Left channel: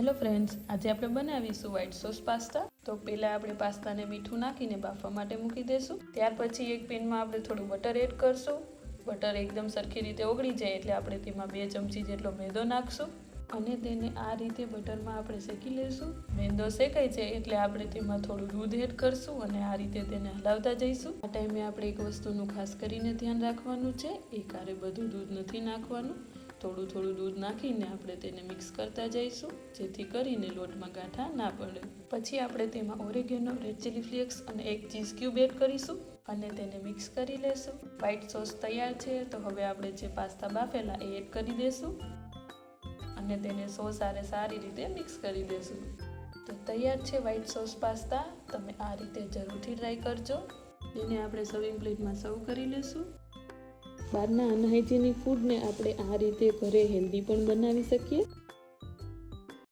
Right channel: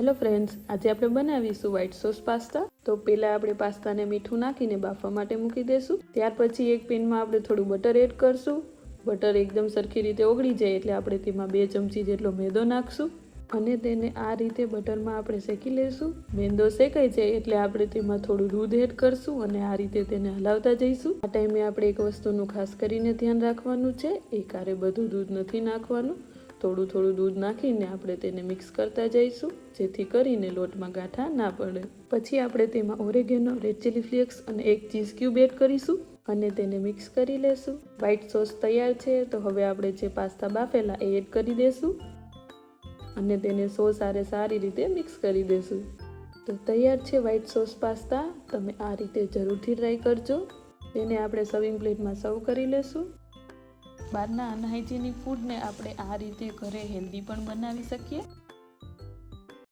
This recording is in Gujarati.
હેલો ફ્રેન્ડ્સ, આજે આપણે બનાવીશું વ્હાઈટ સોસ પાસ્તા તો પહેલાં આપણે પાસ્તાને મીઠું નાખીને બાફવા માટે મૂકી દઈશું ત્યાર પછી એક પેનમાં આપણે થોડું બટર એડ કરશું. બટર એકદમ સરખી રીતે ઓગળી જાય એટલે આપણે તેમાં બે ચમચી જેટલો મેદો નાખશું. અને તેને આ રીતે બટરમાં આપણે શેકી લઈશું મેંદો શેકાઈ જાય એટલે આપણે તેમાં થોડું દૂધ એડ કરશું અને આ રીતે તેને હલાવતા જઈશું. આ ટાઈમે આપણે એક વસ્તુનું ખાસ કરીને ધ્યાન રાખવાનું છે. એકારે બધું દૂધ નથી નાખવાનું. થોડું થોડું દૂધ નાખીને આપણે તેને મિક્સ કરતા જઈશું, જેથી કરીને લોટમાં ગાંઠા ના પડે. પછી આપણે તેમાં ઓરેગેનો, રેડ ચીલી ફ્લેક્સ અને એક ચીઝ ક્યુબ એડ કરીશું અને તેને મિક્સ કરી લેશું. વ્હાઈટ સોસ તૈયાર છે, તો હવે આપણે જે પાસ્તા બાફેલા એ એડ કરી દેશું અને તેને સોસ સારે સારી રીતે મિક્સ કરી દેશું. તો તૈયાર છે વ્હાઈટ સોસ પાસ્તા, તમે આ રીતે જરૂરથી ટ્રાય કરજો. તેને આપણે સર્વિંગ પ્લેટમાં સર્વ કરી લેશું. બહારના અનહાઇજેનિક ફૂડને આપણે આ રીતે ઘરે હેલ્ધી પણ બનાવી શકીએ.